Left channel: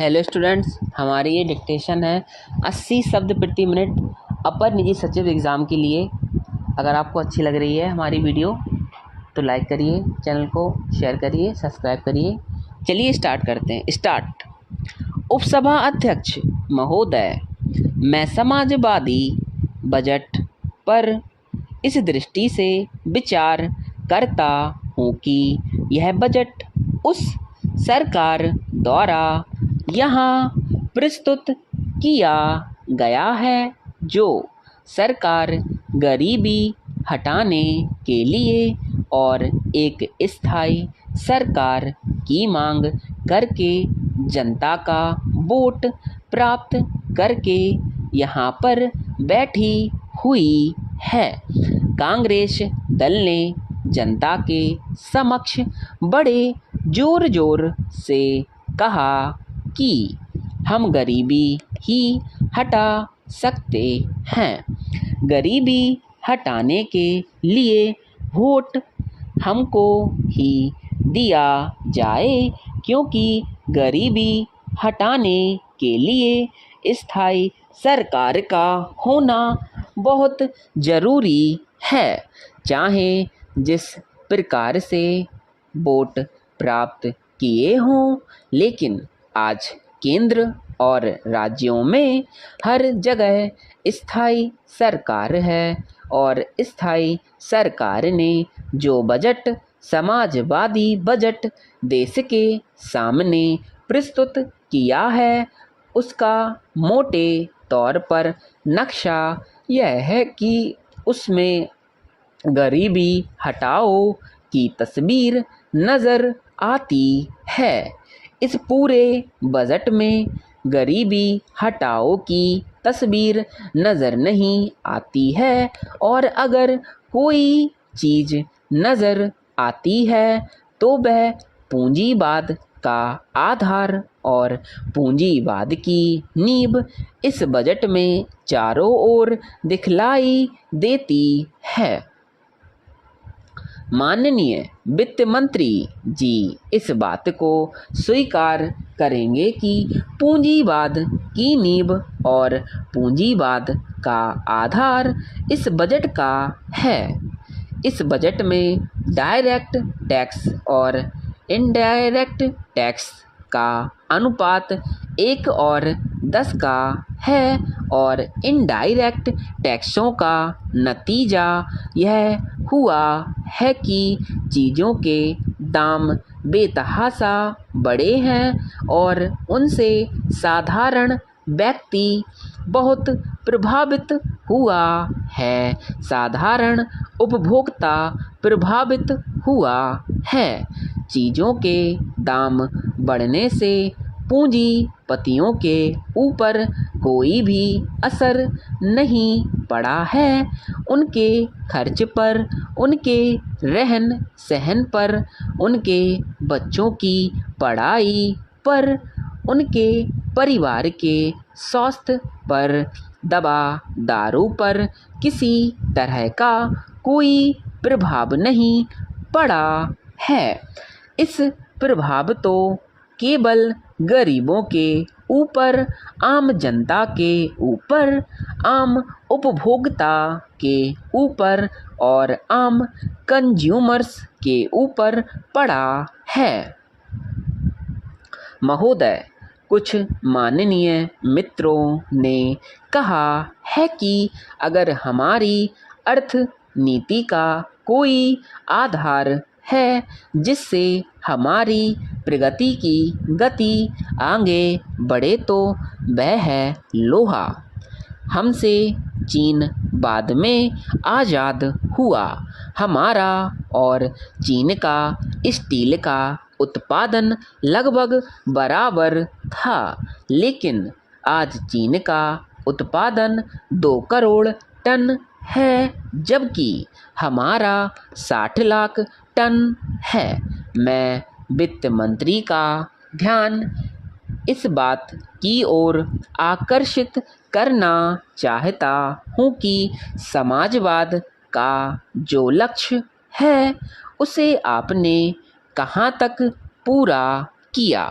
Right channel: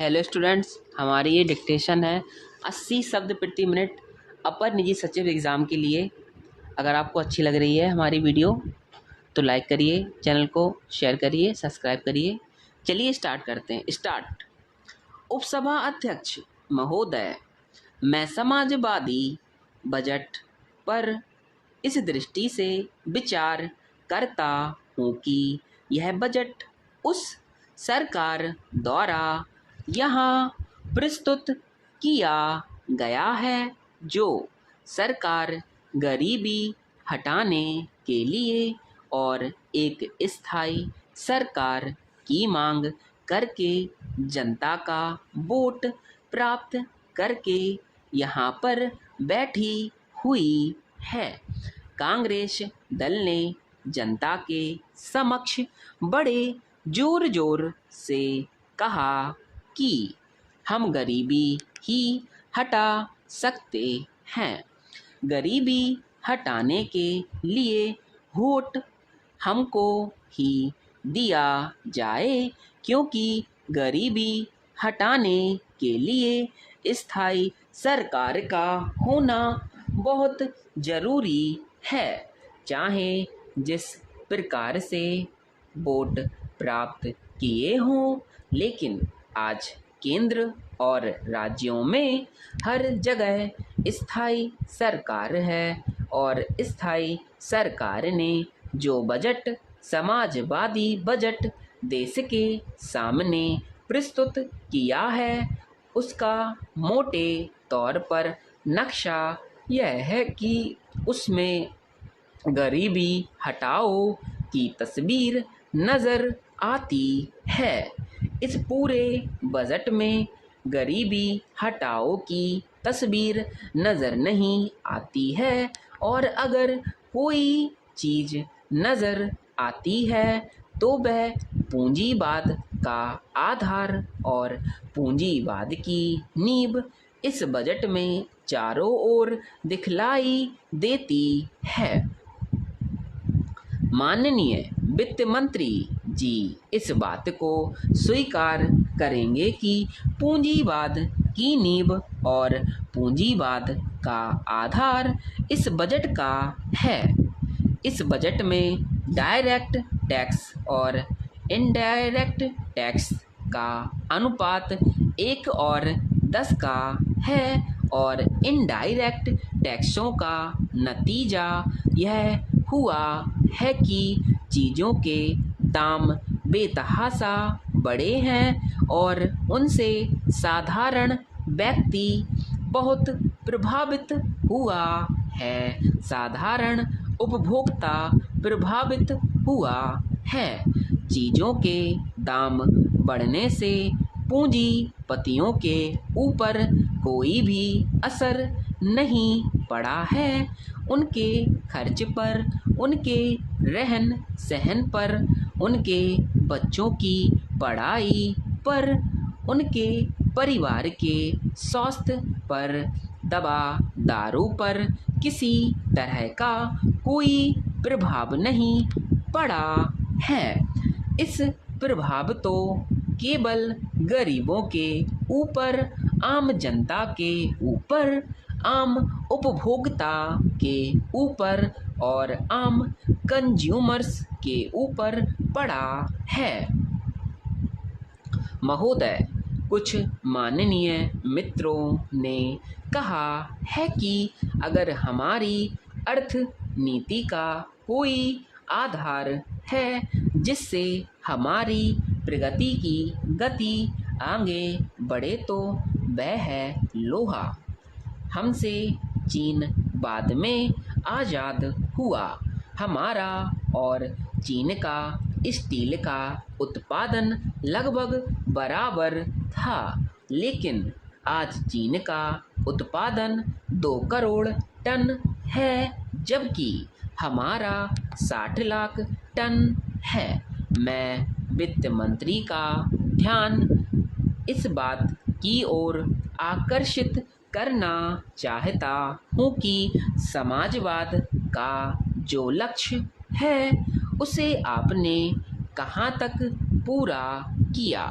Hello students, हमारी ये dictation है 80 शब्द प्रति मिनट अपर निजी सचिव एग्ज़ाम के लिए। अगर आपको अच्छी लग रही है हमारी वीडियो तो लाइक करिए, चैनल को शेयर करिए, सब्सक्राइब करिए। चलिए स्टार्ट करते हैं। स्टार्ट। उपसभा अध्यक्ष महोदय, मैं समाजवादी बजट पर इस दृष्टि से विचार करता हूँ कि यह बजट उस सरकार द्वारा यहाँ प्रस्तुत किया गया है जो सरकार गरीबी हटाने के लिए और एक स्थायी सरकार की मांग करके जनता का वोट प्राप्त करके यहाँ पर बैठी हुई है। कांग्रेस दल ने जनता के समक्ष बड़े जोर से कहा कि हम गरीबी ही हटा सकते हैं। गरीबी हटाने के लिए वोट हमको ही दिया जाए, क्योंकि गरीबी हटाने के लिए स्थायी सरकार का होना बहुत ज़रूरी है। चाहे जिस प्रकार से वोट प्राप्त किए हों, लेकिन आज केंद्र और राज्यों में हर जगह स्थायी सरकार है और स्थायी सरकार ने जो बजट समाजवादी बजट देश के सामने प्रस्तुत किया है, उसका मोटे तौर पर नक्शा यह है कि उसमें गरीबी हटाओ की तस्वीर नज़र आती है। इस पूरे बजट में गरीबी हटाओ की तस्वीर नज़र नहीं आती है, और अगर कोई चीज़ नज़र आती है तो वह पूंजीवाद का आधार और पूंजीवाद की नींव इस बजट में चारों ओर दिखलाई देती है। माननीय वित्त मंत्री जी इस बात को स्वीकार करेंगे कि पूंजीवाद की नींव और पूंजीवाद का आधार इस बजट का है। इस बजट में डायरेक्ट टैक्स और इनडायरेक्ट टैक्स का अनुपात 1 और 10 का है, और इनडायरेक्ट टैक्सों का नतीजा यह हुआ है कि चीज़ों के दाम बेतहाशा बढ़े हैं और उनसे साधारण व्यक्ति बहुत प्रभावित हुआ है। साधारण उपभोक्ता प्रभावित हुआ है। चीज़ों के दाम बढ़ने से पूंजीपतियों के ऊपर कोई भी असर नहीं पड़ा है। उनके खर्च पर, उनके रहन सहन पर, उनके बच्चों की पढ़ाई पर, उनके परिवार के स्वास्थ्य पर, दवा दारू पर किसी तरह का कोई प्रभाव नहीं पड़ा है। इस प्रभाव तो केवल गरीबों के ऊपर, आम जनता के ऊपर, आम उपभोक्ता के ऊपर और आम कंज्यूमर्स के ऊपर पड़ा है। महोदय, कुछ माननीय मित्रों ने कहा है कि अगर हमारी अर्थनीति का कोई आधार है जिससे हमारी प्रगति की गति आगे बढ़े तो वह है लोहा। हमसे चीन बाद में आज़ाद हुआ। हमारा और चीन का स्टील का उत्पादन लगभग बराबर था, लेकिन आज चीन का उत्पादन 2 करोड़ टन है, जबकि हमारा 60 लाख टन है। मैं वित्त मंत्री का ध्यान इस बात की ओर आकर्षित करना चाहता हूँ कि समाजवाद का जो लक्ष्य है उसे आपने कहाँ तक पूरा किया।